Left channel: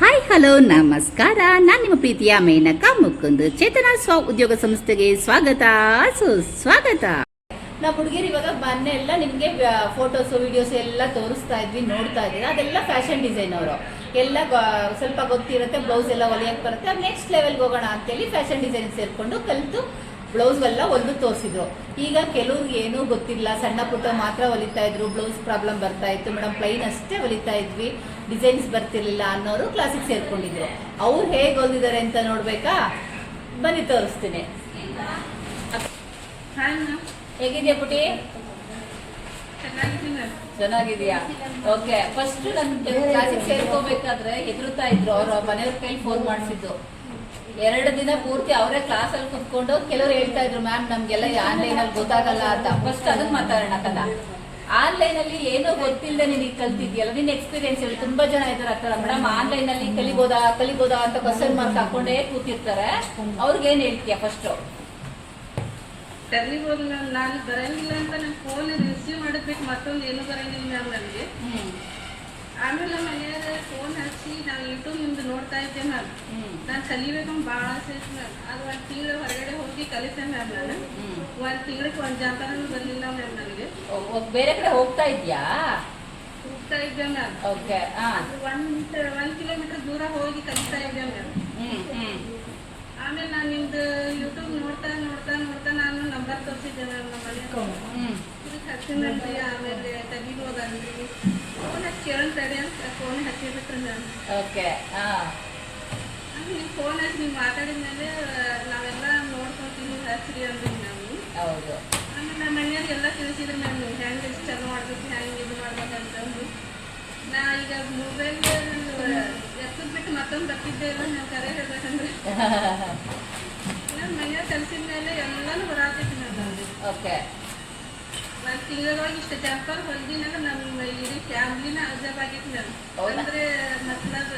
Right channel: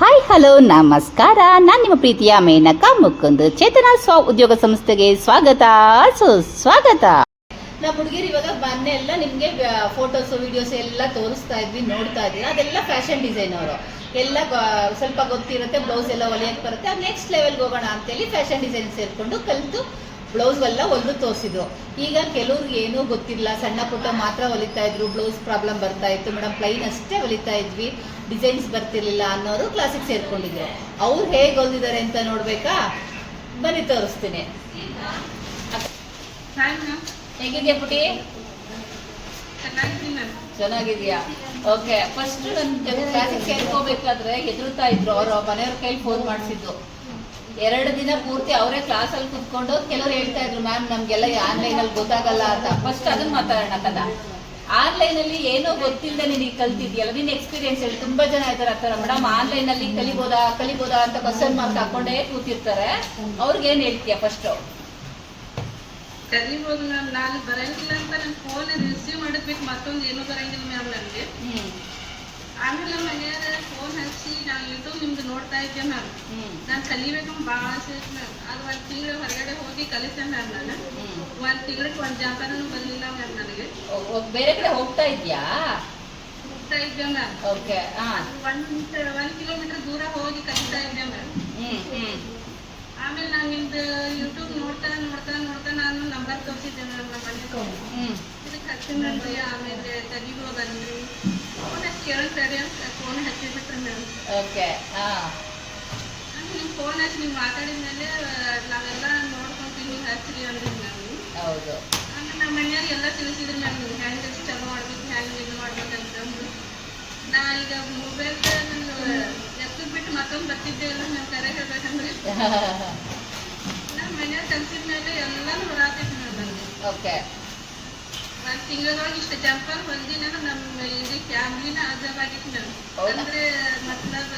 Hi hello ನಮಸ್ಕಾರ. ನಾನು ನಿಮ್ಮ ಪ್ರೀತಿಯ ಮೇನಕಾ ಮುಕುಂದ್. ಚೇತನ ಸ್ವ ಉದ್ಯೋಗ ಸಂಸ್ಥೆಗೆ ಸ್ವಾಗತ ಸುಸ್ವಾಗತ. ನಮ್ಮ ಹುಡುಗಿರು ಇವಾಗ ಮೊನ್ನೆ ಎಲ್ಲ ನಿಮಗೆ ಫೋಟೋಸ್ ವಿಡಿಯೋಸ್ ಎಲ್ಲ ತೋರಿಸ್ತಾ ಇದ್ವಿ, ನೋಡ್ತಾ ಇದ್ದೀರಾ. ಅದೆಲ್ಲ ಫ್ಯಾಷನ್ ಡಿಸೈನ್ ಅವರು ಎಲ್ಲ ಸ್ವಲ್ಪ ಗೊತ್ತಿರುತ್ತೆ, ಬ್ಲೌಸ್ ಎಲ್ಲ ಹೊಲಿಯಕ್ಕೆ ಬರುತ್ತೆ. ಅದು ನೆಕ್ಸ್ಟ್ ಲೆವೆಲ್ಗೆ ಹೋಗೋಣ ಅಂತೇಳಿ ಫ್ಯಾಷನ್ ಡಿಸೈನ್ ಸೇರಿಕೊಂಡು ಕಲಿತು ಬ್ಲೌಸ್ ಎಲ್ಲ ಹೊಲಿದು ತೋರಿಸಿದ್ರು. ಈಗ ಕೆಲವ್ರಿಗೆ ಏನೂ ಗೊತ್ತಿಲ್ಲ, ಸಣ್ಣ ಪುಟ್ಟ ಮಾತ್ರ ಹೊಲಿತಾ ಇದ್ರು, ಬ್ಲೌಸ್ ಪ್ರಾಬ್ಲಮ್ ಬರ್ತಾ ಇತ್ತು, ಮೇಡಮ್ ಪ್ಲೈನ್ ಅಷ್ಟೇ ಹೊಲಿತಾ ಇದ್ವಿ, ಡಿಸೈನ್ಸ್ ಬರ್ತಿರ್ಲಿಲ್ಲ ಅನ್ನೋರು ಕ್ಲಾಸಿಗೆ ಸೇರ್ಕೊಂಡಿದ್ರು. ಅವ್ರು ಹೇಗೆ ಹೊಲಿದಿದ್ದಾರೆ ಅಂತ ನೋಡ್ಬೇಕಾ? ಬನ್ನಿ ತೋರಿಸ್ತೀನಿ. ಹೇಗಿದೆಯಾ ಪುಟಿ? ಚೆನ್ನಾಗಿದೆಯಾ? ಓಕೆ. ಫಸ್ಟ್ ನನ್ನ ಕ್ಲಾಸಿಗೆ ಸೇರ್ಕೋಬೇಕಾದ್ರೆ ಹೆದರ್ತಾ ಇದ್ರು. ಅವ್ರ ಮನೆಯವ್ರ ಕೈಲಿ ಫೋನ್ ಮಾಡಿಸಿದ್ದು. 2 ದಿನ ಪೂರ್ತಿ ಅವರೇ ಕ್ಲಾಸಲ್ಲಿ ಕುತ್ಕೊಂಡು ಕೆಲವರು ಹೇಳ್ತಾ ಇದ್ರು, ಮ್ಯಾಮ್ ನಮ್ಗೆಲ್ಲ ಆನ್ಲೈನಲ್ಲಿ ಗೊತ್ತಾಗಲ್ಲ ಅಂತ. ಫಸ್ಟ್ ಅದನ್ನ ಮಾತಾಡೋಣ ಕದ. ಆನ್ಲೈನಲ್ಲಿ ಏನೋ ಗೊತ್ತಿಲ್ಲದೆ ನೀನು ಕಲ್ತಿದ್ಯಲ್ಲ, ನಿನ್ನ ಎಕ್ಸ್ಪೀರಿಯನ್ಸ್ ಹೇಳಿ. ತುಂಬಾ ಜನ ಇದ್ದಾರೆ ಆ ಥರ, ಮೇಡಮ್ ಆನ್ಲೈನಲ್ಲಿ ಕಲಿಬೋದಾ ಅಂತ ಕ್ವಶನ್ ಮಾರ್ಕ್ ಹಾಕೊಂಡೇ ಕೂತಿರ್ತಾರೆ. ಅವ್ರಿಗೆ ಏನ್ ಹೇಳ್ತೀಯ? ಫಸ್ಟ್ ಕಲಿಬೋದು ಮ್ಯಾಮ್. ನಾನು ಬರಂಗಿಲ್ಲ ಅಂತ ನನ್ನ ಫೋನ್ ರಿಸೀವ್ ಮಾಡಬೇಕು, ಮತ್ತೊಂದು ಏನೂ ಬರಂಗಿಲ್ಲ ಮ್ಯಾಮ್ ನನಗೆ. ಆಮೇಲೆ ಮನೆಯಾಗ ಫೋನ್ ಹಚ್ಚಿ ನಾನು ಯೂಟ್ಯೂಬ್ ನಿಮ್ದು ನೋಡ್ತಾ ಇದ್ದೆ ಮ್ಯಾಮ್. ನಾನು ಕಲಿಬೇಕಂತ ಭಾಳ ಆಸೆ ಐತೆ ಮ್ಯಾಮ್. ಅದು 1 ತಿಂಗಳು ಹೊರಗಡೆ ಹೋಗಿ ಕಲಿತೆ ಮ್ಯಾಮ್. ನಾನು 1 ತಿಂಗಳಿಗೆ 1 ಜಾಂಪನೂ ಬರಲಿಲ್ಲ ಮ್ಯಾಮ್ ನನಗೆ. ಬೇರೆ ಕಡೆ ಹೋಗ್ತಾ ಇದ್ದೆ ಮ್ಯಾಮ್. ಓಕೆ. 1 ಕಿಲೋಮೀಟರ್ ದೂರ ಹೋಗಿ ಕಲಿತಾ ಇದ್ದೆ ಮ್ಯಾಮ್. ಆಮೇಲೆ ನಾನು ನಿಮ್ದು ಯೂಟ್ಯೂಬ್ ನೋಡ್ತಾ ನಾನು ನಂಬರ್ ತೋರಿಸಿದ್ದೆ ಮ್ಯಾಮ್. ನಮ್ಮ ಮನೆ ಹಚ್ಚಿದ್ರಿ, ಆಮೇಲೆ ಕಲಿಬೋದಂದ್ರಿ. ಫೋನ್ ಹಚ್ಚಿ ಕೇಳ್ತಾರೆ ಅಂತ ಫೋನ್ ಹಚ್ಚಿಬಿಟ್ರೆ ಮ್ಯಾಮ್. ಓಕೆ. ನೀವು ಫೋನ್ ಹಚ್ಚಿ ನೀವು ಮಾತಾಡಿದ್ಮೇಲೆ ನಾವೆಲ್ಲ ನೋಡ್ಕೊತೀವಿ, ನೀವು ಹಚ್ಚಿರಿ ಅಂದ್ರಿ ನೀವು. ಹೌದು. ಆಮೇಲೆ ನಮ್ಮ ಮನೆಯವ್ರಿಗೆ ಎಲ್ಲ ತಿಳಿಸಿದ್ರು ಮ್ಯಾಮ್, ನೀವು ಹೆಂಗೆ ಚಲೋ ಮಾಡ್ಬೇಕು, ಹೆಂಗೆ ಇದು ಮಾಡ್ಬೇಕಂತಂದು. ನಾ ಈಗ ಮೊಬೈಲ್ ಎತ್ತದ್ ಬಿಟ್ಟು ಮತ್ತೊಂದು ಬರ್ತಿದ್ದೆ ಇಲ್ಲ ನಾವು ಕರೆ ಹೇಳ್ಬೇಕಂದ್ರೆ. ನಮ್ಮ ಮನೆಯವ್ರು ಕಲಿಸಿದ ಮೇಲೆ ಎಲ್ಲಾನು ಬರಾತೈತಿ ಮ್ಯಾಮ್ ನನಗೆ. ಓಕೆ. 1 ತಿಂಗಳೊಳಗೆ ಇಷ್ಟು ಜಂಪರ್ ಹೊಲ್ದಿನ ನಮ್ಮ ಇಡೀ ಫ್ಯಾಮಿಲಿನ ಅಜಬಾಗಿತ್ತು ಮ್ಯಾಮ್. ಅಂದ್ರೆ ಮತ್ಲಬ್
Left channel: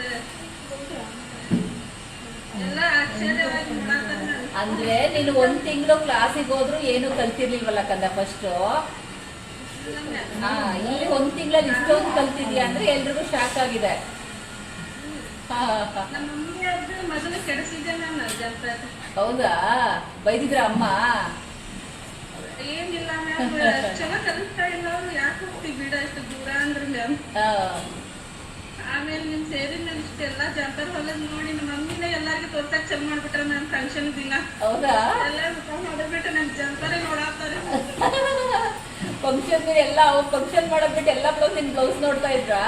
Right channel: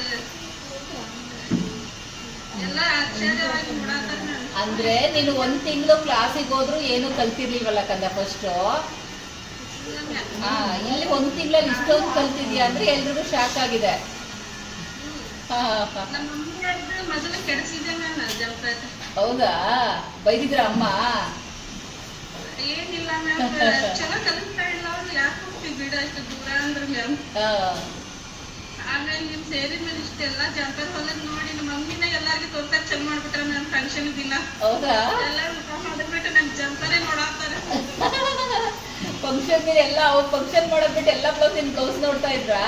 ಎಲ್ಲ ಆಶ್ಚರ್ಯವಾಗಿ ನೋಡಾತಾರ ಮ್ಯಾಮ್. ಅಂದ್ರೆ ನೀನು 1 ತಿಂಗಳು ಕ್ಲಾಸಿಗೆ ಹೋದ್ರು ಏನು ಕಲ್ತಿರ್ಲಿಲ್ವಲ್ಲ ಕಂದ ಫಸ್ಟ್. ಇಲ್ಲಿ 1 ತಿಂಗಳಲ್ಲಿ ಇಷ್ಟೊಂದು ಕಲ್ತಿದ್ಯಾ ಅಂದ್ರೆ ಎಲ್ರಿಗೂ ಶಾಕ್ ಆಗಿದೆ. ನಮ್ಮ ಮಮ್ಮಿ ಮೊದಲು ಕೆಡಿಸಿದ್ದೆ ಮ್ಯಾಮ್ ಜಂಪರ್. ಹೌದಾ? ಬೈದಿದ್ರ ಅಮ್ಮ? ಏನಿಲ್ಲ ಮ್ಯಾಮ್, ಚಲೋ ಕಲಿಸ್ತಾ ಇಲ್ಲ ಅವ್ರು, ಯಾಕೆ ಹೋಗ್ತೀವಿ ಬಿಡ ಇಷ್ಟು ದೂರ ಅಂದ್ರು ಮ್ಯಾಮ್. ಆಮೇಲೆ ನಿಮ್ ಸೇರಿದ ಮೇಲೆ ಇಷ್ಟೆಲ್ಲ ಜಂಪರ್ ಹೊಲದ್ ನೋಡಿ ನಮ್ಮ ಮಮ್ಮಿನ ಎಲ್ಲಾರ್ಗೂ ತೋರ್ಸಕ್ ಚಲ್ ಮಾಡ್ಬಿಟ್ರೆ ಮ್ಯಾಮ್ ಫಂಕ್ಷನ್ ದಿನ. ಹೌದಾ? ಎಲ್ಲರೂ ಮುಖ ಮಾಡಿಬಿಟ್ಟು ನನ್ ಜಂಪರೇ ನೋಡಾತಾರೆ. ಫಂಕ್ಷನ್ ಎಲ್ಲ ಫಂಕ್ಷನ್ ಮಾಡೋದ್ಬಿಟ್ಟು ಎಲ್ಲ ಬ್ಲೌಸ್ ನೋಡ್ತಾ ಇದ್ರಾ?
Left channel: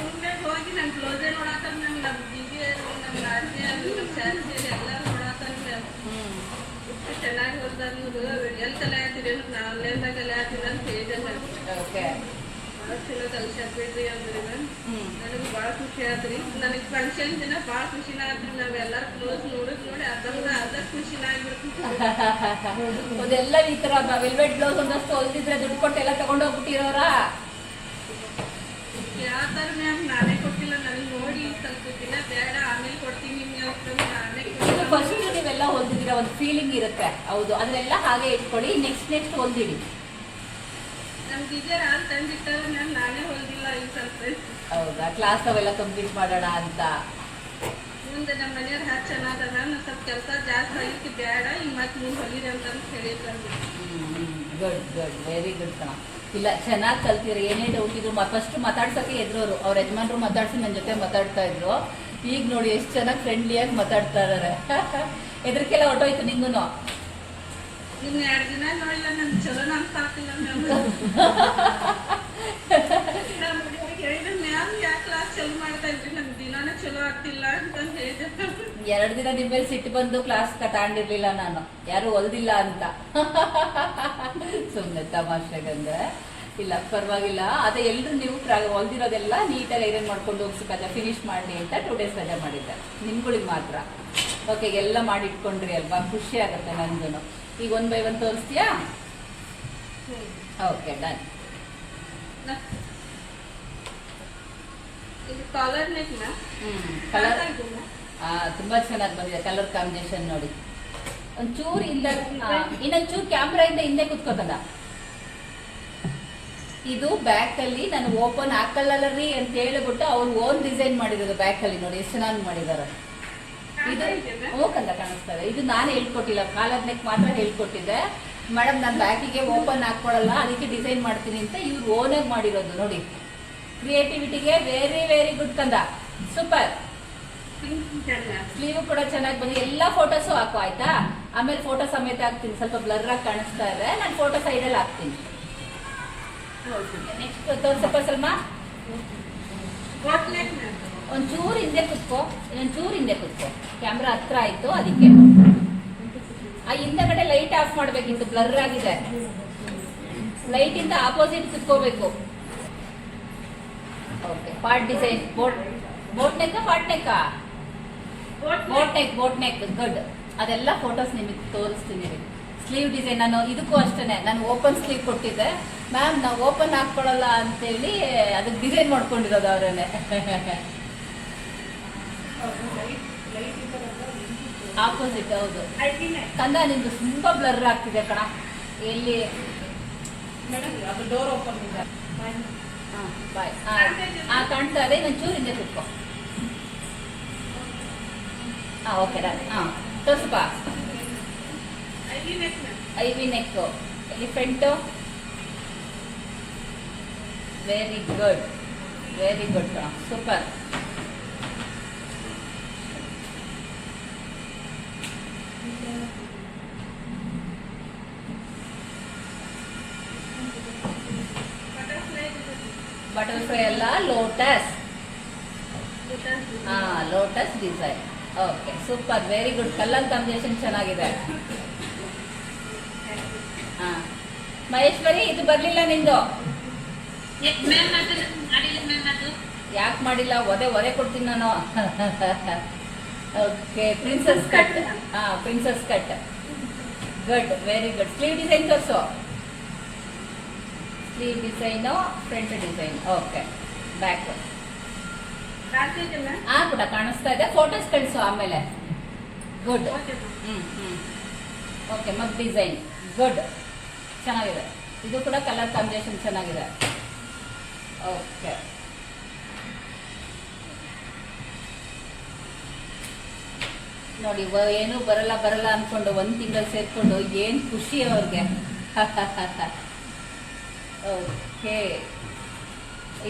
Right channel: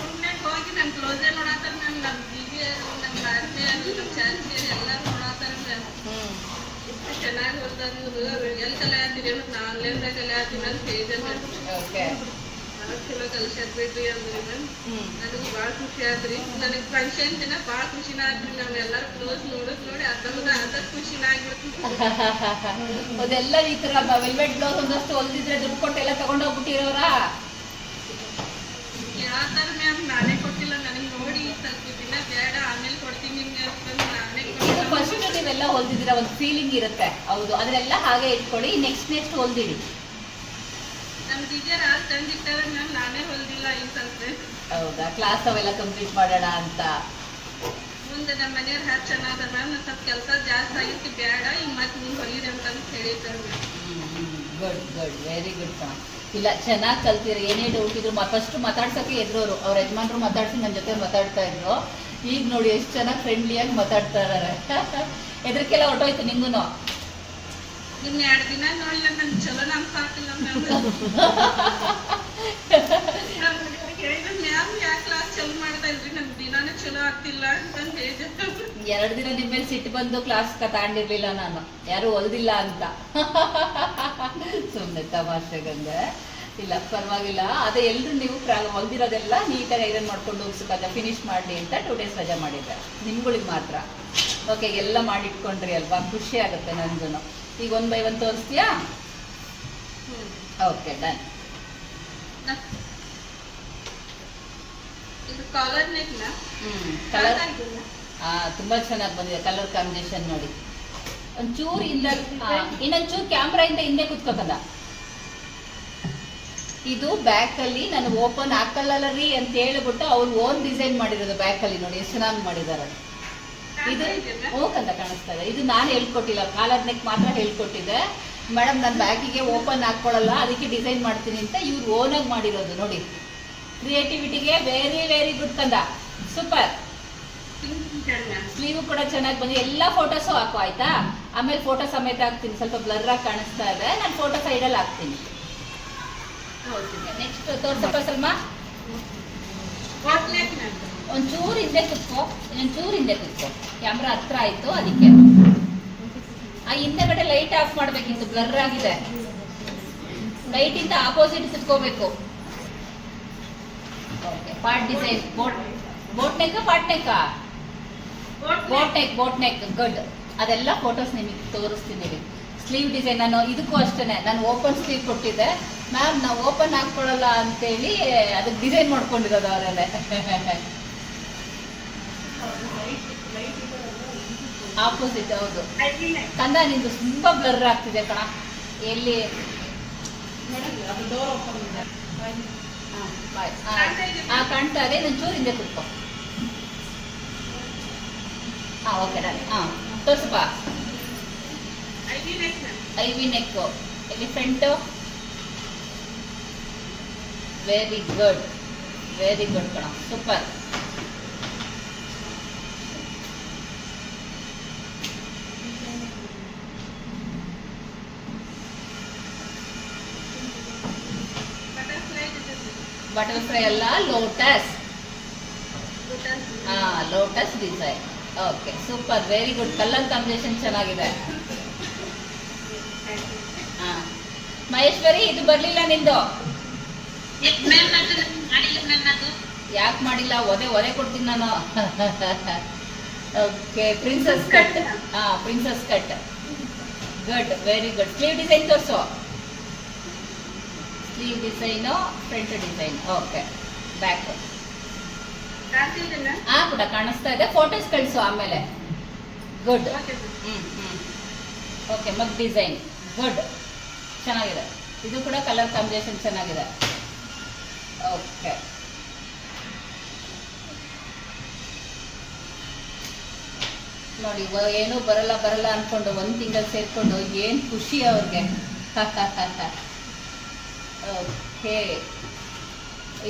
ಮುಂದೆ ಹೋಗಿ ನನ್ ಬ್ಲೌಸೇ ನೋಡಾತಾರ ಮ್ಯಾಮ್. ನಮ್ ದೀದಿ ನಮ್ ನಾದ್ನಿ ಅಲ್ಲಿ ನಮ್ ಚಾಚಿ ಎಲ್ಲಾರು ನೋಡಾತಾರ ಮ್ಯಾಮ್. ಚೆನ್ನಾಗಿ ಹೊಲ್ದಂದು ಎಲ್ಲಿ ಕಲೆ ಹಾಕಿರಿ ನಾ ಆನ್ಲೈನ್ದಾಗ ಕಲೆ ಹಾಕಿನ ಅಂತ ಹೇಳಿದೆ ಮ್ಯಾಮ್. ಭಾಳ ಚಲೋ ಕಲ್ಸಾಕ್ ಬಿಡ್ರಿ ಅಂದ್ರಿ ಮ್ಯಾಮ್. ನನಗೆ ಭಾಳ ಖುಷಿ ಆದ್ರಿ. ನನಗೆ ಫಂಕ್ಷನ್ ದಿನ ಭಾಳ ಖುಷಿನ ಆದ್ರಿ. ನಾವ್ ಎಲ್ಲಾರು ಕ್ಲೋಸ್ ನೋಡಿ ಅರ್ಧ ಖುಷಿನ ಆಗ್ಬಿಡ್ತೀವಿ. ಅದೆಲ್ಲ ಈ ತರ ವೆಲ್ವೆಟ್ ಬ್ಲೌಸ್ ಒಂದಷ್ಟು ಹೊಲ್ದಿದ್ರೆ ದುಡ್ಡು ಕೊಟ್ಟು ಎಲ್ಲ ತಗೊಂಡೋಗ್ಬಿಟ್ಟಿರೋರ ಯಾವ್ದಾರ ಮ್ಯಾಮ್? ನಾನೇ ಕೊಟ್ಟಿಲ್ಲ, ನನಗೆ ನೋಡಿ ಸ್ವಲ್ಪ ದಿನ ಬೇಡ ಆಮೇಲೆ ಕೊಡ್ತೀನಿ ನಿಮ್ಗೆ ಅಂತಂದು ನಾನೇ ಕೊಟ್ಟಿಲ್ಲ. ಫಸ್ಟ್ ನೀವೆಲ್ಲ ಹೊಲ್ದಿದ್ರೆ ಒಂದು ಫೀಲಿಂಗ್ ಇರುತ್ತೆ. ಹೌದು, ಅದನ್ನೆಲ್ಲ ಹಾಗೆ ಇಟ್ಕೊಳ್ಳಿ. ನೆಕ್ಸ್ಟ್ ಹೊಲ್ದಿಡಿ. ನಮ್ ಟೀಚರ್ ಹಾಲು ತಂದಿಟ್ಟಾರ ಮ್ಯಾಮ್, ನಾನೇ ಹೊಲ್ದಿಲ್ಲ ಈ ಸ್ವಲ್ಪ. ಹೌದಾ? ಕ್ಲಾಸ್ ಅವೆಲ್ಲ ಕಂಪ್ಲೀಟ್ ಮಾಡೋಣ ಅಂತ. ಮುಂದೆ ನಮ್ಮ ಮನೆಯವ್ರು ಹ್ಯಾಕ್ ಚೆನ್ನಾದ ಮ್ಯಾಮ್, ನಾನು ಸ್ವಲ್ಪ ಕೆಲಸ ಜಾಸ್ತಿ ಆಗಿತ್ತು, ಬೇಡ ಈಗ ಮತ್ತೆ ಮುಂದೆ ಹೊಲಿದೆ ಅಂತಂದು ಹೇಳಿದ್ದಾರೆ ಮ್ಯಾಮ್. ಗುಡ್ ವೆರಿ ಗುಡ್ ಕಣ. ಇಲ್ಲ, ಚೆನ್ನಾಗಿ ಕಲ್ತಿರಿ. ಏನೇ ಡೌಟ್ ಇದ್ರು ಫಸ್ಟ್ ಮಾತಾಡ್ಸೋಕೆ ಎದುರೋರು. ಅವ್ರ ಯಜಮಾನ್ರು ಮಾತಾಡ್ಸಿ ನನ್ನ ಜೊತೆ ಮಾತಾಡ್ತಾ ಇದ್ರು. ಈಗ ನೋಡಿ ಎಷ್ಟು ಚೆನ್ನಾಗಿ ಫ್ರೆಂಡ್ಲಿಯಾಗಿ ಮಾತಾಡ್ತಾ ಇದಾರೆ. ಎದ್ರಕ್ಕೆಲ್ಲ ಹೊಟ್ಟೋಯ್ತು ನಿಂಗೂ? ನಿಮ್ 2 ದಿನ ನೋಡಿಲ್ಲ ನನ್ ಚಲೋ ಅನ್ಸಾಕಿಲ್ಲ ಮ್ಯಾಮ್. ಹೇಳಿದ್ರೆ ಮ್ಯಾಮ್ ಯಾಕೆ ಕ್ಲಾಸ್ ಚಲೋ ಮಾಡ್ತಾ ಇದ್ರಿ, ನಮ್ ದಿನಾನೇ ಚಲೋ ಆಗ್ತಿಲ್ಲ ಅಂತಂದು ಹೇಳಿದೆ. 2 ದಿನ ನಿಮ್ಮ ಮೇಲೆ ಸಿಟ್ಟು ಬಂದು ಕ್ಲಾಸ್ ತಗೊಂಡಿರ್ಲಿಲ್ಲ ನಾನು, ಯಾರು ಹೊಲ್ದಿಲ್ಲ ಅಂತ. ಸುಮ್ಮನೆ ತಮಾಷೆಗಂದ್ರೆ. ಇಲ್ಲ ಪರವಾಗಿಲ್ಲ. ಅದೇ ಎಲ್ರು ನೀವು ಹೊಲ್ದಿರೋದೆಲ್ಲ ನೀಟಾಗಿ ಐರನ್ ಮಾಡ್ಕೊಂಡು ಹೋಗ್ಸಕ್ಕಲ್ಲ, ಫಿನಿಶ್ ಮಾಡಿ ಅಂತ 2 ಡೇಸ್ ರಜೆ ಮಾಡಿದ್ದೆ ನಿಮ್ಗಳಿಗೆ ಮಾತ್ರ. ಓಕೆ, ಎಲ್ಲ ಮಾಡಿ ಇಟ್ಕೊಂಡ್ರಿ ಅಲ್ವಾ? ಖುಷಿ ಆಗುತ್ತೆ ನನಗೂ. ಈಗ 1 by 1 ತೋರಿಸ್ತೀಯಾ? Okay, done. ಇದು ಕಾಲರ್ ನೆಕ್ ನಾ? ಕಲರ್ ತುಂಬಾ ಚೆನ್ನಾಗಿ ಬಂದಿದೆ. ಕಲರ್ ಕಾಂಬಿನೇಷನ್ ನೋಡಿ. ಒಂಚೂರು ಇನ್ನೊಂಚೂರು ಕ್ಯಾಮ್ರಾ ಇಂದ ಹಿಂದೆ ಕುತ್ಕೋಕಲ್ಲ. ಇದು ಬ್ಯಾಕ್ ಅಲ್ಲಿ ನಾನು ಓಪನ್ ಹಾಕಲ್ಲರಿ ಅಂತ ಹೇಳ್ಬಿಟ್ಟು ಅವ್ರು ಓನ್ ಡಿಸೈನ್ ಮಾಡಿರೋದು ಬ್ಯಾಕ್ ಅಲ್ಲಿ ನೋಡಿ ಎಷ್ಟು ಚೆನ್ನಾಗಿ ಮಾಡಿದ್ದಾರೆ. ಇದು ಓಕಂತ ಕಾಣಿಸ್ತಾ ಇದೆ. ಇದು ನಾನು ಹೇಳ್ಕೊಟ್ಟಿಲ್ಲ, ಕಾಲರ್ ನೆಕ್ ಮಾತ್ರ ಹೇಳ್ಕೊಟ್ಟಿದ್ದೆ. ಮೇಡಮ್ ನಾನು ಬ್ಯಾಗಿಗೆ ಓಪನ್ ಹಾಕೊಳ್ಳಲ್ಲ ಅದಕ್ಕೆ ಡಿಸೈನ್ ಮಾಡ್ತೀನಿ ಅಂತ ಇವ್ರು ಓನಾಗಿ ಮಾಡಿರೋದು ನೋಡಿ. ಕ್ರಿಯೇಟಿವಿಟಿಗೆ ವೆರಿ ವೆರಿ ಗುಡ್ ಕಂದ, ಸೂಪರ್. ಸ್ಲೀವ್ ಕೂಡ ಚೆನ್ನಾಗಿ ಬಂದಿದೆ. ಎಲ್ಲ ಫೋಟೋಸು ಹಾಕು ಆಯ್ತಾ, ಆಮೇಲೆ ಫೋಟೋ ಸಮೇತ ಹಾಕ್ತೀನಿ. ಸ್ವಲ್ಪ ಬ್ಲರ್ ಆಗಿ ಕಾಣಿಸ್ತಾ ಇದೆ, ನಾನು ಫೋಟೋ ಸೈಡಲ್ಲಿ ಹಾಕ್ತೀನಿ. ನೆಕ್ಸ್ಟ್ ತೋರ್ಸಪ್ಪ ಸಲ್ಮಾ. ಒಂಚೂರು ಹಿಂದೆ ಕುತ್ಕೋ, ಇನ್ನೊಂಚೂರು ಹಿಂದೆ ಕುತ್ಕೋ, ಕ್ಯಾಮ್ರಾ ಹತ್ರ ಆಯ್ತು ಅದಕ್ಕೆ. ಆ ಹಿಂದಗಡೆ ಲೈಟ್ ಆಫ್ ಮಾಡ್ಬೇಕಿತ್ತು, ಬ್ಲರ್ ಆಗಿದೆ. ಲೈಟ್ ಇಂದ ಆಪೋಸಿಟ್ ಕುತ್ಕೋಬೇಕು. Okay, part design boat neck, part neck, boat neck good. ಅದೆಲ್ಲ ಫೋಟೋಸ್ ನಿಮಗೆ ತೋರಿಸ್ತೀನಿ ರೀ. ಸ್ಲೀವ್ ಡಿಸೈನ್ ನಾನು ಇದಕ್ಕೂ ಅಷ್ಟೇ, ನಾನು ಓಪನ್ ಸ್ಲೀವ್ ಕೊಟ್ಟಿದ್ದೆ. ಮ್ಯಾಮ್ ನಾವು ಓಪನ್ ಹಾಕ್ಕೊಳ್ಳಲ್ಲ ಅಂತೇಳಿ ಅದಕ್ಕೆ ಡಿಸೈನ್ ಮಾಡ್ಕೊಂಡಿರೋದು ಅವರೇನೆ. ಆಪೋಸಿಟ್ ಹೌದು. ಕಂದ ನಿಂದು ತುಂಬಾ ಬ್ಲರ್ ಆಗ್ತಿದೆ ಕಣ. ಎಲ್ಲಿ ಡೋರ್ ಓಪನ್ ಇದೆ. ಬಾಯ್. ಕಾಣ್ತಾ ಇದೆ. ನಾನು ಚೂರು ಹಿಂದೆ ಕೂತ್ಕೋ. Okay done. ತೋರ್ಸಪ್ಪ. ಐವಿ ನೆಕ್, ಇಲ್ಲಿ front. Very good, very good ಕಣ, ಸೂಪರ್. ಬಟರ್ಫ್ಲೈ ಅಲ್ಲ, lotus. Lotus design. Okay, super, very good. Colour combination ಚೆನ್ನಾಗಿದೆ. ಮಹೇಶ್ವರಿ, ಇದು ಬರ್ಲಿಲ್ಲ ನಿಂದು. ಯಾಕೆ ಮಾಡಿಲ್ಲ? ಒದೆ ಕೊಡ್ತೀನಿ ನಾನು. Okay, princess cut. Princess cut, good, very good. Sleeve design ತೋರಿಸು. Sleeve design, front design. Okay, back. ಕೂಡ ಕಾಣಿಸ್ತಾ ಇದೆ. ಫೋಟೋಸ್ ಕಳಿಸು ಆಮೇಲೆ. Good. Okay, mug design good, ಚೆನ್ನಾಗಿದೆ. ಇದು ಕೂಡ ಕಲರ್ ಕಾಂಬಿನೇಷನ್ ಚೆನ್ನಾಗಿದೆ. ಓಕೆ, ನೋಡಿ ಏನು ಬರಲ್ಲ ಅನ್ಕೊಂಡು ಒಂದು ತಿಂಗಳು ಸೇರ್ಕೊಂಡು ಏನು ಖುಷಿ ಅವ್ರಿಗೆ. ಓಕೆ,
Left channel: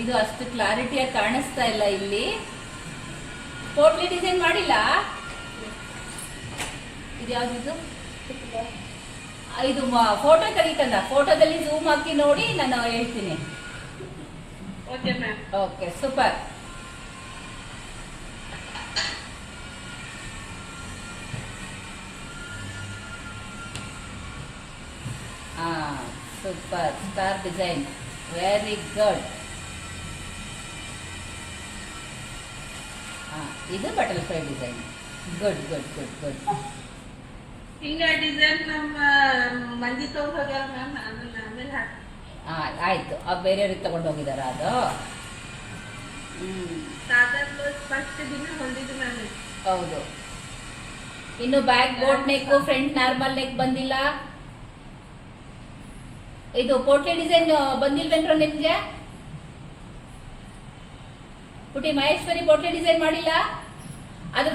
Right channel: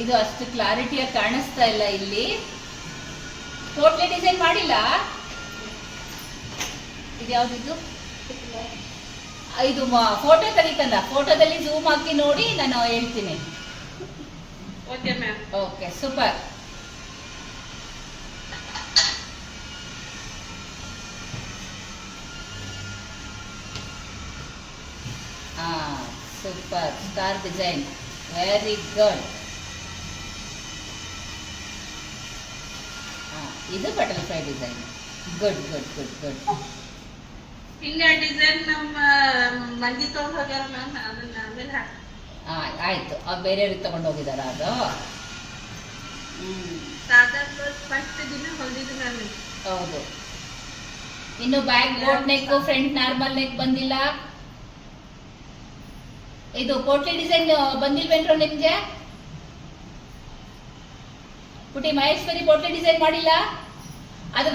ಇದು ಅಷ್ಟು ಕ್ಲಾರಿಟಿಯಾಗಿ ಕಾಣಿಸ್ತಾ ಇಲ್ಲ ಇಲ್ಲಿ. ಪೋಟ್ಲಿ ಡಿಸೈನ್ ಮಾಡಿಲ್ಲ. ಇದು ಯಾವ್ದಿದ್ದು? ಇದು ಫೋಟೋ ತೆಗಿತಲ್ಲ, ಫೋಟೋದಲ್ಲಿ ಝೂಮ್ ಹಾಕಿ ನೋಡಿ, ನಾನು ಹೇಳ್ತೀನಿ. Okay ma'am. Okay, super. Super, star design, very good. ಇದು butterfly design, good good good good. ಹಿಂಗೆ ಡಿಸೈನ್ ನಮ್ಮ ಮಂದಿ ತಗೊಂಡು ಹೋಗ್ಯಾರ ಮ್ಯಾಮ್, ಅದನ್ನ ಆಮೇಲೆ ಆಯ್ತು. ಬೇರೆಯವ್ರಿಗೆ ತಗೊಂಡು ಹೋಗಿದಾರ ಅದು? ಸಾಕಾದ್ರು ಫಸ್ಟ್ ದಿನ ಹೊಂದಿದ್ದು ನಾನು. ಹೌದು. ಇನ್ನು back boat neck, front normal neck ಬಂದಿಲ್ಲ. ಇದು ಪೋಟ್ಲಿ ಡಿಸೈನ್ ಬಂದಿಲ್ವೇನ್ರ ನಿಮ್ಗೆ? ಪುಟಿ ಮಹೇಶ್ವರಿ, ಪೋಟ್ಲಿ ಡಿಸೈನ್ ಮಾಡಿಲ್ಲ? ಅದು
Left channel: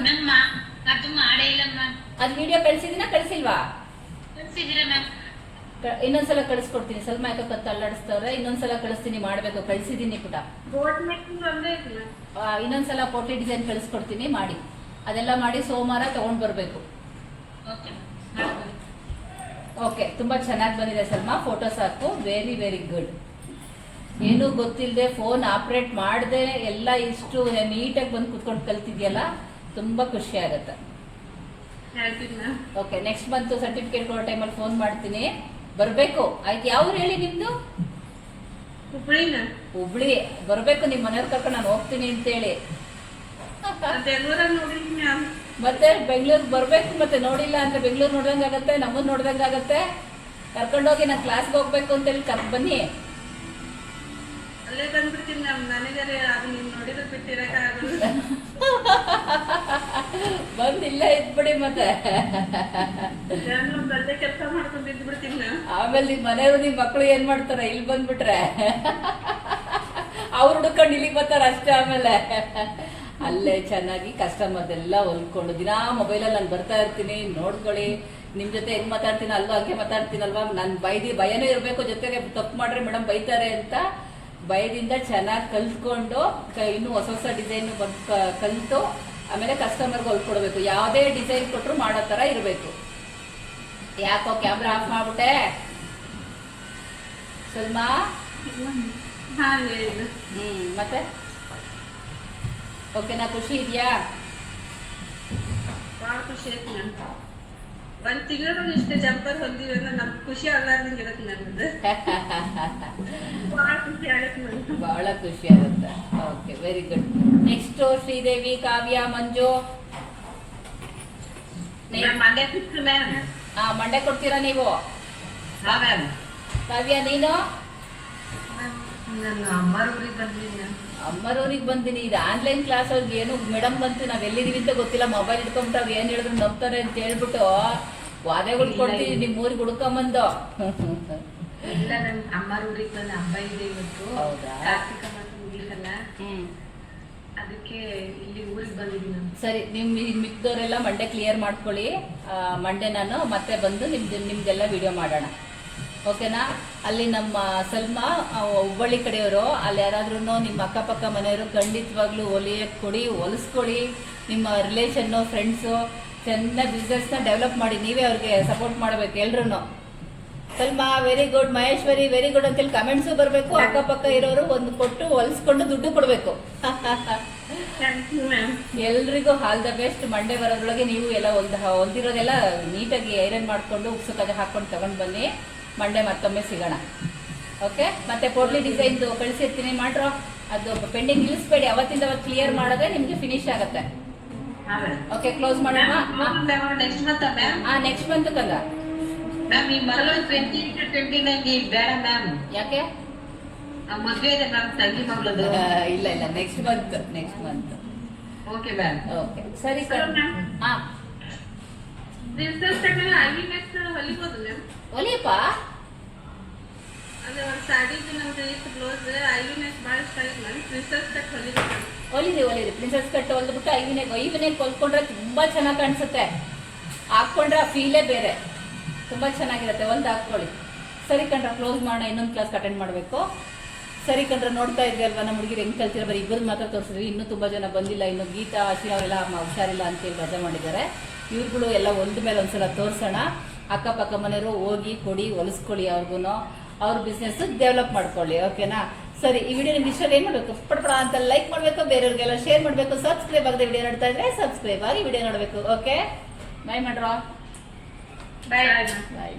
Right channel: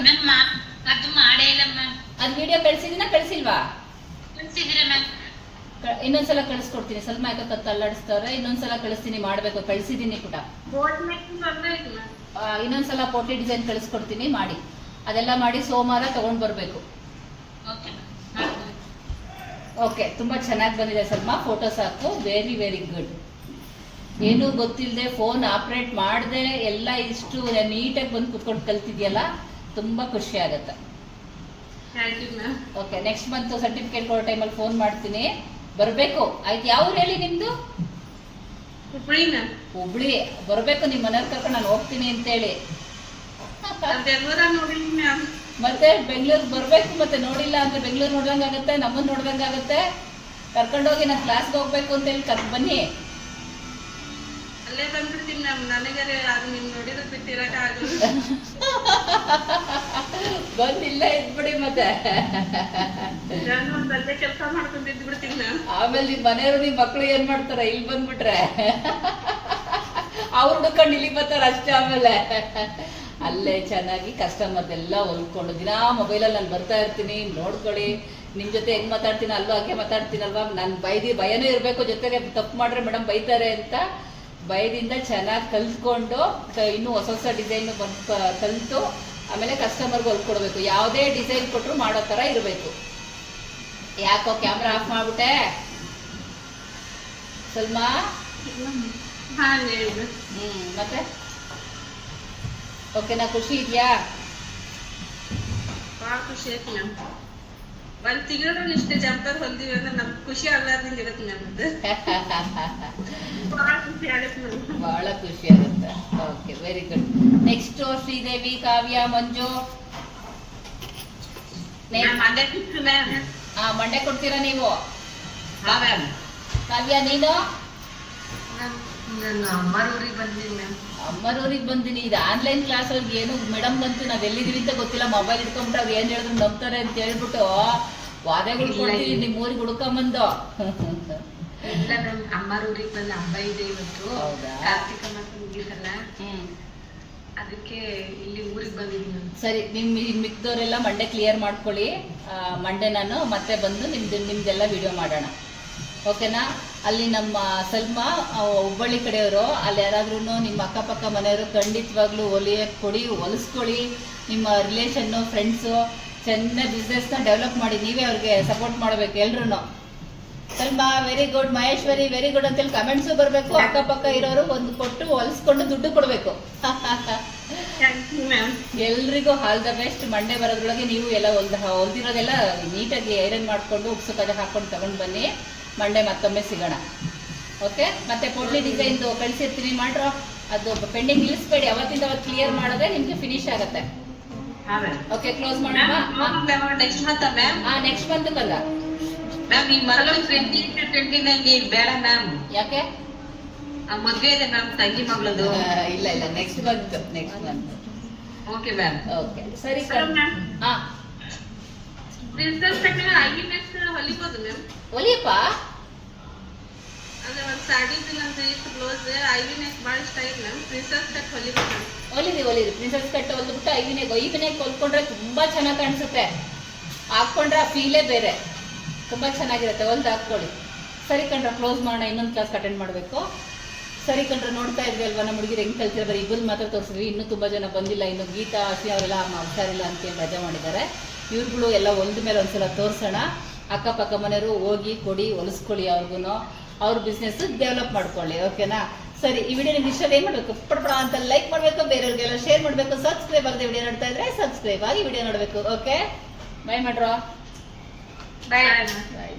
ಮಾಡೇ ಇಲ್ಲ ಮ್ಯಾಮ್. ಅದು ವಿಡಿಯೋ ಕಳಿಸಿಲ್ವಾ? ಕಳಿಸಿದ್ರೆ ಮ್ಯಾಮ್. ಇನ್ನೊಂದ್ಸಲ ಕಳಿಸ್ಕೊಡ್ತೀನಿ. ಸ್ವಲ್ಪ ಯಾಕೆ ತಳ್ಳಾಡಿಸ್ತಾರೆ, ಇನ್ನೊಂದ್ಸಲ ಕಳಿಸ್ತೀನಿ, ಮಾಡ್ಬೇಕು. ಕಳಿಸಿದ್ದೀನಿ ಪುಟ. ಬೋಟ್ ಮೇಕಿಂಗ್ ಅಂದ್ರೆ ಇದು ಮ್ಯಾಮ್. ಇನ್ನೊಂದ್ಸಲ ಪೋಟ್ಲಿ ಡಿಸೈನ್ ಕಳಿಸ್ಕೊಡ್ತೀನಿ, ಮಾಡಿ. ಅದೆಲ್ಲ ಮಾಡಿ ಸೋಮವಾರ ತಗೊಂಡ್ ಬರ್ಬೇಕು. ಓಕೆ. ಓಕೆ, ತುಂಬಾ ಚೆನ್ನಾಗಿ ಬಂದಿದೆ ಸಲ್ಮಾ. ಫೋಟೋಸ್ ಹಾಕು, ವೆರಿ ವೆರಿ ಗುಡ್. ಏನೂ ಗೊತ್ತಿಲ್ಲದೆ ಫೋನ್ ಆಪರೇಟ್ ಮಾಡದೆ ಎಲ್ಲ ಇಷ್ಟು ನೀಟಾಗಿ ಬಂದು ಕುತ್ಕೊಂಡು ಕಲ್ತಿದ್ಯಲ್ಲ, ತುಂಬಾ ಖುಷಿ ಆಗುತ್ತೆ. ಓಕೆ, ನೆಕ್ಸ್ಟ್ ಮಂತ್ ಸರ್ಟಿಫಿಕೇಟ್ ಕೊಡೋ ಟೈಮಲ್ಲಿ ಫೋನ್ ಮಾಡ್ತೀನಿ, ಬರಬೇಕು. ಆಯ್ತು, ಯಾವ ಊರು ಹೇಳಿ ನಿಮ್ದು? ಹುಬ್ಳಿ. ಬರಬೇಕು, ನಿಮ್ಮ ಮನೇಲಿ ಕರ್ಕೊಂಡು ನಾನು ಹೋಗ್ತೀನಿ ಅಂತೇಳಿ. ಮತ್ತೆ ಬೆಂಗಳೂರು ಬರಬೇಕು. ಮತ್ತೆ ನೋಡಿಲ್ಲ ಅಂದ್ರೆ ಬೆಂಗಳೂರು ನೋಡ್ದಂಗಾಗತ್ತೆ, ನಮ್ಮನ್ನ ನೋಡ್ದಂಗಾಗತ್ತೆ. ಕರ್ಕೊಂಡೋಗಿ ನಾನು ಕ್ಲಾಸ್ಗೆ ಹೋಗ್ಬೇಕು ಅಂತೇಳಿ ಬನ್ನಿ. ಅಲ್ಲೇ ಬಂದ್ಬಿಡ್ತೀನಿ ಮ್ಯಾಮ್. ನನಗೆ ಅದು ನೀವು ನೋಡಿದ್ರೆ ಬಿಟ್ಟಿರಕ್ಕಾಗಲ್ಲ. ಬಂದಿಲ್ಲ ಇದ್ಬಿಡಿ ಮತ್ತೆ. ನಾನು ಅಲ್ಲೇ ಕೆಲಸ ಮಾಡ್ಕೊಂಡು ಇದ್ದು ಬಿಡ್ತೀನಿ ನಾನು. ಆಮೇಲೆ ನಿಮ್ ಮನೆಯವರು ನಿಮ್ ಮಕ್ಳು ಏನ್ ಮಾಡ್ತಾರ ಇಲ್ಲಿ ಬಂದ್ಬಿಟ್ರೆ ಅವ್ರು ಹುಡ್ಕೊಂಡು ಇಲ್ಲಿಗೆ ಬರ್ತಾರ ಅಷ್ಟೇ. ಆಮೇಲೆ ಅಲ್ಲೇ ಚೆನ್ನಾಗಿ ಕಸ್ಟಮರ್ದೆಲ್ಲ ಹೊಲ್ಕೊಂಡು ದಿನಾ ಮೊಬೈಲಲ್ಲಿ ನಾನು ಬರ್ತಾ ಇರ್ತೀನಿ, ನೋಡ್ಕೊಳ್ಳಿ. ನಿಮ್ ಜೊತೆ ಹೆಂಗ್ ಮಾತಾಡ್ತೀನಿ ಅಲ್ಲೂ ಹಾಗೆ ಮಾತಾಡ್ತೀನಲ್ವಾ. ನನ್ ಭಯನೇ ಇರಬೇಕು, ಜೊತೆಗೆ ತಪ್ಪು ಮಾಡ್ರೆ ಮೇಡಮ್ ಬೈತಾರೆ ಅಂತ ಭಯದಿಂದ ಚೆನ್ನಾಗಿ ಕಲ್ತ್ಕೊಂಡು ಇನ್ನೂ ಹೊಸ ಹೊಸ ಡಿಸೈನ್ ಕಲಿತು ಆಮೇಲೆ ಕಸ್ಟಮರ್ಗೆ ಹೊಲ್ಕೊಡ್ಬೇಕು. ಯಾವುದೇ ಡಿಸೈನ್ ಕೊಟ್ಟರು ಮಾಡೋ ಥರ ಇರಬೇಕು. ಯಾಕೋ ಕ್ಯಾಮ್ರಾ ಆಫ್ ಮಾಡ್ಬಿಟ್ಟೆ ಸಲ್ಮಾ? ಮತ್ತೆ ಓಕೆನಾ? ಖುಷಿ ಇದೆಯಾ? ಭಾಳ ಖುಷಿ ಆಯ್ತು ಮ್ಯಾಮ್. ಒಂದ್ ತಿಂಗಳು ಇಷ್ಟು ಜಂಪರ್ ಹೊಂದಿವಿ ಅಂದ್ರೆ ನಮ್ಗೆ ಖುಷಿ ಆಗ್ಲಾರ್ದಂಗೆ ಇರುತ್ತೆ ನಮ್ದು. ಭಾಳ ಖುಷಿ ಆಗತ್ತೆ ನಮ್ಗೆ. ಬಹಳ ಖುಷಿ ಆಗುತ್ತೆ. Okay, very good. Next Sridevi, Kavya, Manju. Mandya fix ma'am. Mandya ಕೊಡ್ತೀರಾ ನೀವು? ಹಾ ಮ್ಯಾಮ್. ಕಾವ್ಯ ನೀನು? ನಾನು ಅಮ್ಮರೂರಿಗೆ ಬಂದೀನಿ ಮ್ಯಾಮ್. ಅಮ್ಮರವ್ರಿಗೆ ಬಂದಿನಿ. ಇದು ಆನ್ಲೈನ್ ಕ್ಲಾಸ್ ಅವ್ರಿಗೆ ಏನು ಮೇಡಮ್ ಬಂತು ನಾವ್ ಎಲ್ಲಿದೀವಿ ಅಂತ ಗೊತ್ತಿಲ್ಲ, ಮೊಬೈಲ್ ಇಟ್ಕೊಂಡ್ಬಿಟ್ಟು ಅವ್ರು ಏನ್ ಹೇಳಿದ್ರು ನಂಬ್ತಾರೆ ಅಂತ ಹೇಳ್ಬಿಟ್ಟು ವಾದಗಳು ಕೊಡ್ತೀವಿ. ನಿಮ್ ಊರಿಗೆ ಹುಡ್ಕೊಂಬಂದು. ಇಲ್ಲ ಮ್ಯಾಮ್, ಅಮ್ಮರೂರಿಗೆ ಬಂದ ಹಬ್ಬ ಇದೆ ಇವತ್ತು. ಹೌದಾ? ಕಾರ್ತಿಕ ಮಾಸ ಮುಗಿಸಲ್ಲ, ಅದಕ್ಕೆ ಇಲ್ಲಿ ಊರಿಗೆ ಬಂದಿದ್ದೀನಿ. ಸರಿ, ಮಿಕ್ದವರೆಲ್ಲ ಮಂಡೆ ಕ್ಲಿಯರ್ ಮಾಡ್ಕೊಳ್ಳಿ. ಮಂಡೆ ನಾನು ಮತ್ತೆ ಬಂದು ನಿಮ್ದೆಲ್ಲ ವಿಡಿಯೋ ಮಾಡೋಣ. ಓಕೆನಾ? ಅಲ್ಲಿ ನಮ್ಮ ಸಲ್ಮಾ ಹುಬ್ಬಳ್ಳಿ ಕಡೆಯವರು, ಅಲ್ಲಿ ಯಾರಾದ್ರೂ ನಿಮ್ಮ ಅಕ್ಕಪಕ್ಕ ಮನೆಯವರು ಖಂಡಿತವಾಗ್ಲೂ ಹೊಲಿಸ್ಕೊಳ್ಳಿ. ನಿಮ್ಮ ರಿಲೇಷನ್ನು, ಫ್ರೆಂಡ್ಸು ಚೆನ್ನಾಗಿ ಬಿಸ್ನೆಸ್ನ ಡೆವಲಪ್ ಮಾಡಿ. ನೀವೇ ಅವ್ರಿಗೆ ಸಪೋರ್ಟ್ ಮಾಡಬೇಕು ಎಲ್ರು. Salma very good, Maheshwari very good ಅಂತೇಳಿ ಕಮೆಂಟ್ಸು ಬರಬೇಕು. ಅಕ್ಕಪಕ್ಕ ಇರೋರು ಒಂದು ಕೊಟ್ಟು ಹೊಲಿಸ್ಕೊಂಡು ದುಡ್ಡು ಕೊಡಬೇಕು. ಎಲ್ರಿಗೂ ಆಲ್ ದ ಬೆಸ್ಟ್. ಮಂಡೇ ಬರೋದ್ರೊಳಗೆ ನೀವು ಎಲ್ಲ ಹೊಲ್ದಿರೋದೆಲ್ಲ ನೀಟಾಗಿ ಐರನ್ ಮಾಡಿಕೊಂಡು ಉಪ್ಸು ಹಾಕೊಂಡು ತಗೊಂಡು ಬನ್ನಿ. ಮಂಡೇ ಮತ್ತೊಮ್ಮೆ ಸಿಗೋಣ. ಓಕೆ? ಮತ್ತೆ ಪೋಟ್ಲಿ ಡಿಸೈನ್ದು ಕಳಿಸಿರ್ತೀನಿ, ಮಾಡ್ರೋ. ಅದು ಪೆಂಡಿಂಗ್ ನಿಲ್ಲಿಸ್ಬೇಡಿ, ಅವತ್ತಿಂದ ಅವತ್ತು ಕ್ಲಿಯರ್ ಮಾಡಿದ್ರೆ ನಿಮ್ಗೆ ಫಿನಿಶ್ ಆಗುತ್ತೆ. ಓಕೆ, ಕ್ಲೋಸ್ ಮಾಡೋಣ. Next month ma'am. Next month ಕಲ್ಲ ಮ್ಯಾಮ್. ಈ ಮರಳು 2029 ಬೇಡ ಮ್ಯಾಮ್. ಯಾಕೆ? ಮದುವೆ ಇದೆ ಮ್ಯಾಮ್, ತಂಗಿ ಮಗಳದು. ಇಲ್ಲ next month. Okay ma'am. Okay, ಸರಿ. ಹೊಲಿಬೋದು ಮ್ಯಾಮ್. ಒಲಿಯಪ್ಪ. ಅಂದ್ರೆ ಒಂದು ಸಾಡಿದ್ದು ನಮ್ದು ಇತ್ತು ಬ್ಲೌಸ್, ಐವಿನೆಕ್ ಭಾಳ ಇಷ್ಟ ಆಗಿದೆ ಮ್ಯಾಮ್. ಪ್ರಿನ್ಸಸ್ ಕಟ್ ಹೊಲಿಬೇಕು. ಹೊಲಿರಿ. ಪ್ರಿನ್ಸಸ್ ಕಟ್ ಹೊಲ್ದ್ಬಿಟ್ಟು ಐವಿನೆಕ್ ಹೊಲ್ಕೊಂಡ್ರೆ ತುಂಬಾ ಚೆನ್ನಾಗಿ ಕಾಣಿಸುತ್ತೆ. ಹಾಕೊಂಡ್ರೆ ಆ ಫೀಲೇ ಬೇರೆ, ತುಂಬಾ ಚೆನ್ನಾಗಿರುತ್ತೆ. ಹೊಲ್ದು ಹಾಕೊಳ್ಳಿ. ಸರಿ ಕಣ್ರ, ಕ್ಲೋಸ್ ಮಾಡೋಣ. ಇನ್ನೊಂದು ಕ್ಲಾಸ್ ಅಟೆಂಡ್ ಮಾಡಬೇಕು. ಸರಿ ಕಣ್ರ, ನೋಡ್ತಾ ಇದ್ವಿ ಅಲ್ವಾ ನಮ್ಮ ಹುಡುಗಿರು ಹೆಂಗೆ ಕಲ್ತಿರೋ. ಬರೀ ಇಬ್ಬರು ಮಾತ್ರ ತೋರಿಸಿದ್ವಿ, ಇನ್ನೂ ತುಂಬ ಜನ ಬಂದಿಲ್ಲ. ಇನ್ನು ಗೀತಾ, ಹಸಿ ಅವರೆಲ್ಲ ಹುಷಾರಿಲ್ಲ ಅಂತೇಳಿ ರಜೆ ಮಾಡಿದ್ದಾರೆ. ಇವ್ರುಗಳು ಎಲ್ಲ ಒಂದ ಮೇಲೆ ಒಂದ್ಸಲ ತೋರಿಸೋಣ. ಅಕ್ಕಪಕ್ಕ ಮನೆಯವರು ಹೋಗಿ ಕೊಡಿ, ಹೊಲಿಸ್ಕೊಳ್ಳಿ. ಅವ್ರಿಗೂ ಅವ್ರ ಬಿಸ್ನೆಸ್ ಡೆವಲಪ್ ಮಾಡ್ಕೊಳ್ಳಿ. ಓಕೆನಾ? ಸರಿ, ಈ ವಿಡಿಯೋ ನಿಮ್ಗೆ ಇಷ್ಟ ಏನು ಮಾಡಬೇಕು? ಪಡ್ಪಡ ಅಂತ ಲೈಕ್ ಮಾಡಬೇಕು, ಬೇರೆಯವ್ರಿಗೆಲ್ಲ ಶೇರ್ ಮಾಡಬೇಕು. ಸಬ್ಸ್ಕ್ರೈಬ್ ಆಗದೆ ವಿಡಿಯೋ ನೋಡ್ತಾ ಇದ್ರೆ ಸಬ್ಸ್ಕ್ರೈಬ್ ಆಗಿ ವಿಡಿಯೋ ನೋಡಬೇಕು. ಓಕೆ, ಬೈ ಮಾಡ್ರೋ. ಬಾಯ್. ಬಾಯ್.